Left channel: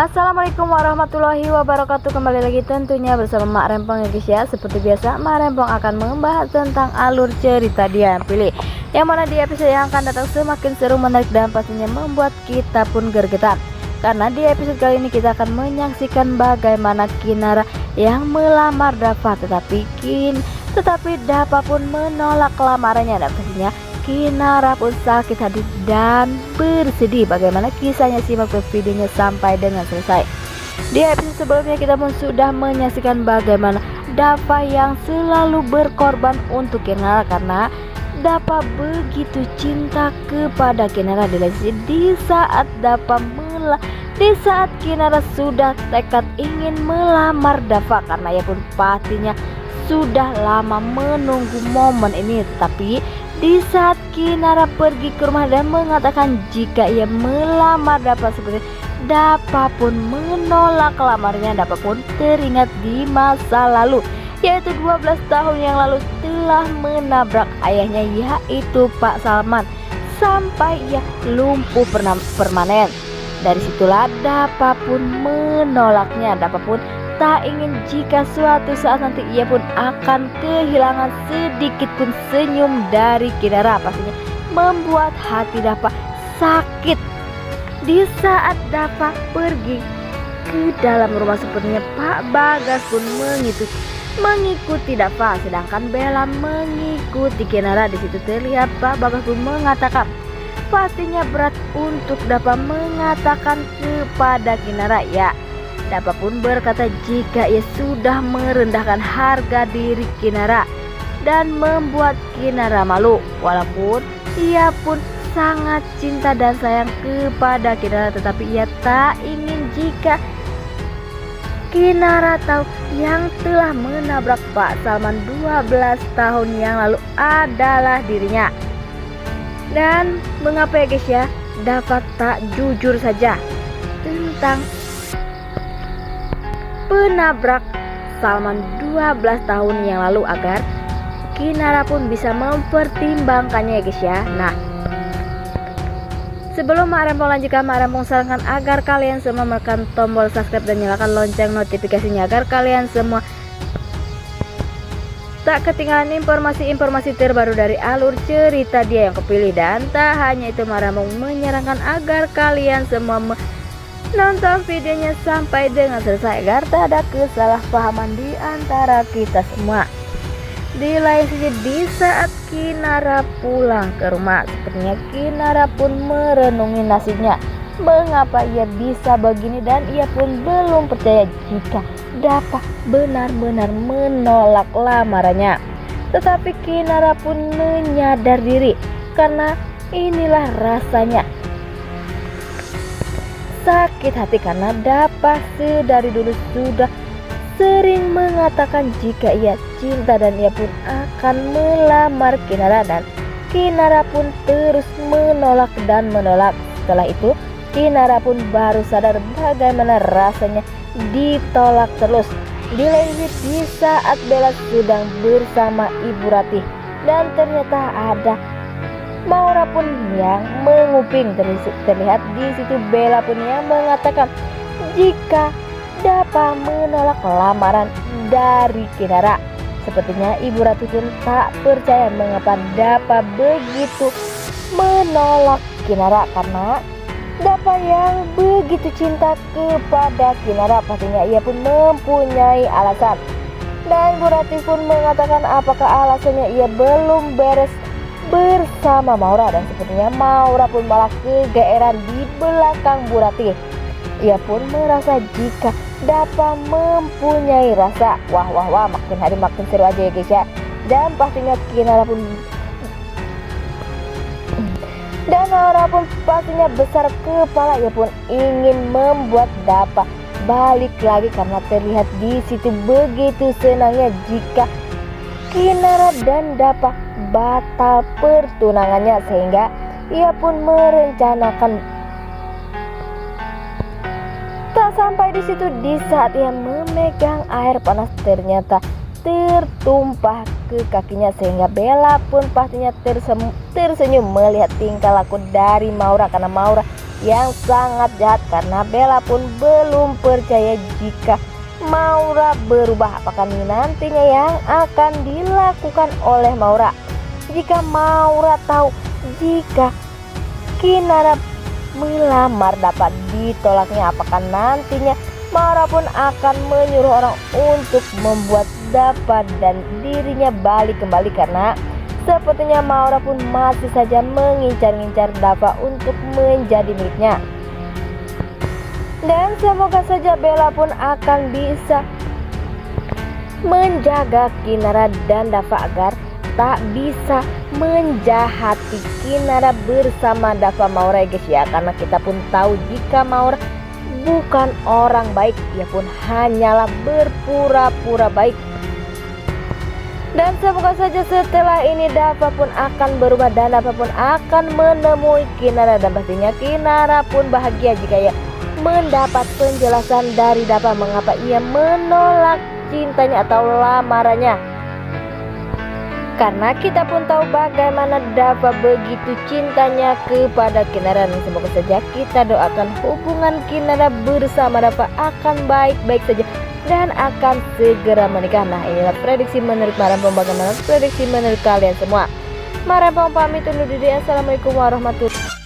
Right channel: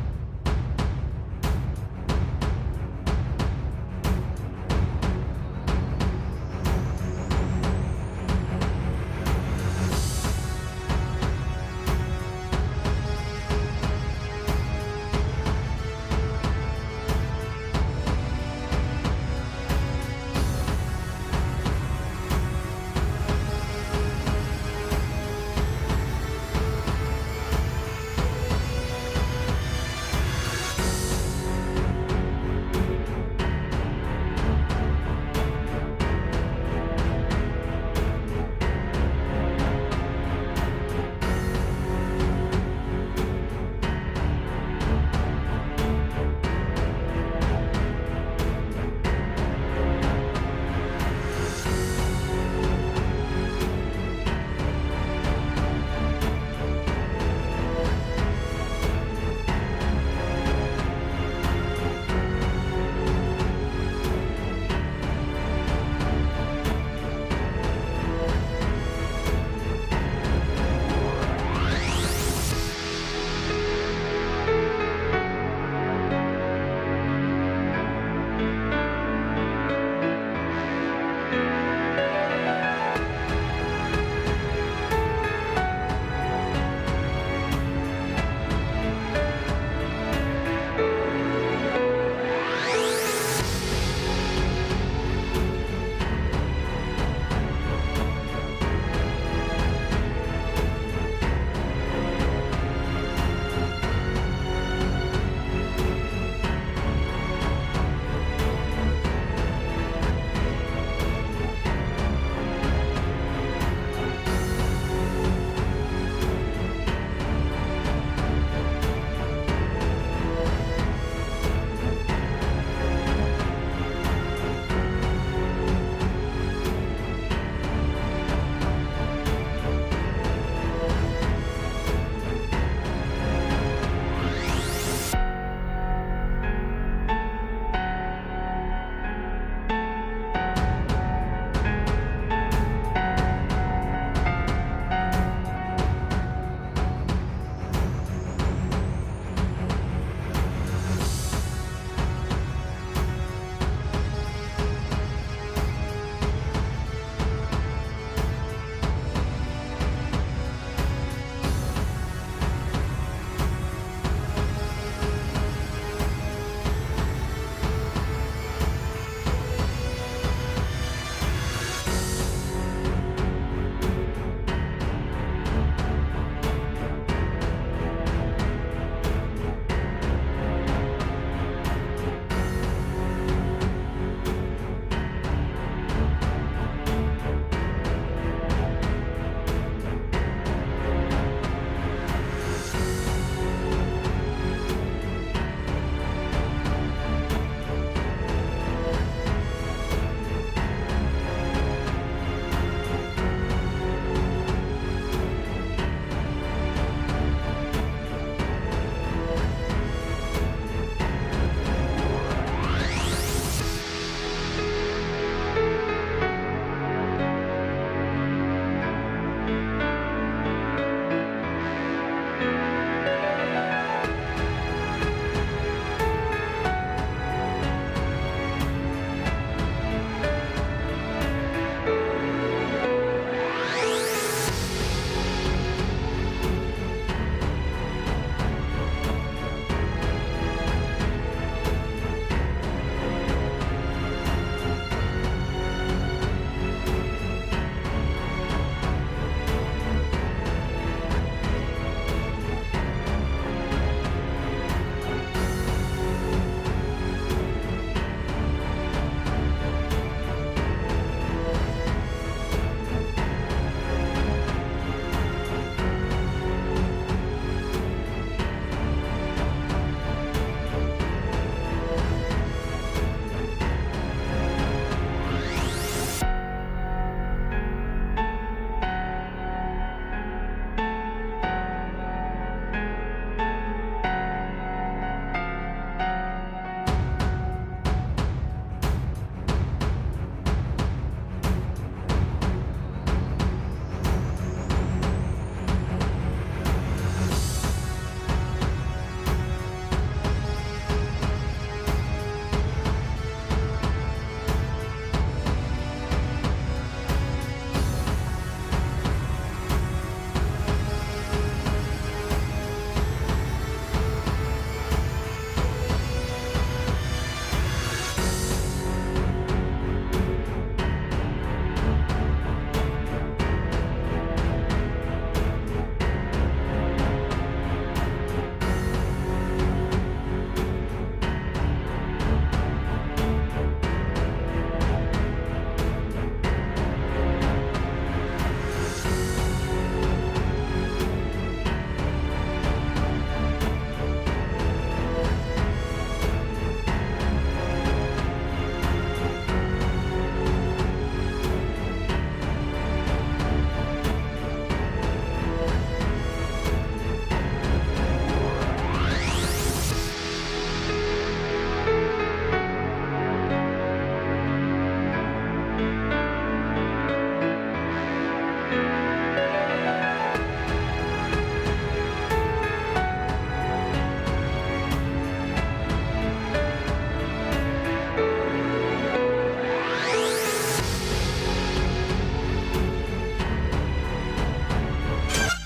Assalamualaikum warahmatullahi wabarakatuh. Kembali lagi tentunya bersama Mak Rempong ya guys ya. Seperti biasa Mak Rempong akan membahas tentang alur cerita Dia Yang Pilih, yang mana di episode yang akan datang semakin seru, menarik, dan pastinya membuat kita pun gergetan. Karena di episode kali ini kita akan menyaksikan bagaimana Kinara yang melamar Dava, tetapi Dava pun menolak lamarannya, dan pastinya Kinara pun sakit hati dan bersedih. Bagaimana kisahnya, simak terus videonya sampai dengan selesai. Di episode sebelumnya kita pun sudah menyaksikan bagaimana Dava yang selalu berkorban untuk Kinara, karena Dava begitu cinta kepada Kinara. Di saat Kinara sudah tekad ingin melamar Dava, karena ia pun pastinya sudah lama menunggu momen ini. Tapi di saat Kinara pergi ke rumah dan mengatakan jika ia melamar Dava, seperti Dava pun menolak lamarnya. Dava pun teringat di masa lalu, yaitu 12 tahun yang lalu telah menabrak ayahnya, yaitu Pak Salman, sampai ia lumpuh permanen. Dari situlah Dava pun menolaknya. Dava pun tak ingin jika suatu saat nanti ia pun akan kehilangan sedikit pun senyum dari Kinara, pastinya membuat hati Dava sakit. Di saat Dava pergi ke dalam rumah, sepertinya Pak Bagas pun mengikuti Dava, sedangkan Bella mengikuti Kinara. Di situ terlihat Pak Bagas pun mengatakan pastinya berat untuk Dava mengatakan kepada Kinara. Ya, Dava pun berkata jika ia sudah merendahkan harga diri Kinara dan membuat Kinara malu, walaupun ia pun sangat cinta dan sayang kepada Kinara, tetapi ia tak ingin jika Kinara tahu yang telah menabrak Pak Salman 12 tahun yang lalu adalah dirinya. Dan mengapa ya guys ya, Dava tak jujur saja tentang penabrak Salman 12 tahun yang lalu, agar Kinara pun bisa mempertimbangkannya ya guys ya. Nah, sebelum Mak Rempong lanjutkan, Mak Rempong sarankan agar kalian semua menekan tombol subscribe dan nyalakan lonceng notifikasinya, agar kalian semua tak ketinggalan informasi-informasi terbaru dari alur cerita Dia Yang Kepilih. Dan tak hanya itu, Mak Rempong menyarankan agar kalian semua nonton videonya sampai dengan selesai, agar tak ada kesalahpahaman di antara kita semua. Di lain sisi, di saat Kinara pulang ke rumah, sepertinya Kinara pun merenungi nasibnya. Mengapa ia bisa begini, dan ia pun belum percaya jika Dava benar-benar menolak lamarannya. Tetapi Kinara pun menyadar diri, karena inilah rasanya sakit hati, karena Dava sedari dulu sudah sering mengatakan jika ia cinta dan ia pun akan melamar Kinara, dan Kinara pun terus menolak dan menolak. Setelah itu Kinara pun baru sadar bagaimana rasanya ditolak terus. Di lain di saat Bella sedang bersama Ibu Ratih, dan ternyata ada Maura pun yang menguping. Terlihat di situ Bella pun yang mengatakan jika Dava menolak lamaran dari Kinara. Sepertinya Ibu Ratih pun tak percaya mengapa Dava begitu menolak Kinara, karena Dava yang begitu cinta kepada Kinara, pastinya ia pun mempunyai alasan. Dan Ibu Ratih pun mengatakan apakah alasannya ia belum beres bersama Maura, dan sepertinya Maura pun malah kegeeran di belakang Bu Ratih. Ia pun merasa jika Dava mempunyai rasa. Wah, makin hari makin seru aja ya guys ya. Dan pastinya Maura pun pastinya besar kepala. Ia pun ingin membuat Dava balik lagi, karena terlihat di situ begitu senangnya jika Kinara dan Dava batal pertunangannya, sehingga ia pun merencanakan. Tak sampai di situ, di saat ia memegang air panas ternyata tertumpah ke kakinya, sehingga Bella pun pastinya tersenyum melihat tingkah laku dari Maura, karena Maura yang sangat jahat karena Bella pun belum percaya jika Maura berubah. Apakah ini nantinya yang akan dilakukan oleh Maura jika Maura tahu jika Kinara melamar dapat ditolaknya? Apakah nantinya Maura pun akan menyuruh orang untuk membuat Dava dan dirinya balik kembali, karena sepertinya Maura pun masih saja mengincar-incar Dava untuk menjadi miliknya. Dan semoga saja Bella pun akan bisa menjaga Kinara dan Dava agar tak bisa menjahati Kinara bersama Dava Maura guys ya, karena kita pun tahu jika Maura bukan orang baik, dia pun hanyalah berpura-pura baik. Dan semoga saja setelah ini Dava pun akan berubah dan Dava pun akan menemui Kinara, dan pastinya Kinara pun bahagia jika ia mendapat penjelasan dari Dava mengapa ia menolak cintanya atau lamarannya. Karena kita pun tahu bagaimana Dava begitu cintanya kepada Kinara, dan semoga saja kita doakan hubungan Kinara bersama Dava akan baik-baik saja dan akan segera menikah. Nah, inilah prediksi menurut Marempong. Bagaimana prediksi menurut kalian semua? Marempong pamit undur diri. Assalamualaikum warahmatullahi wabarakatuh.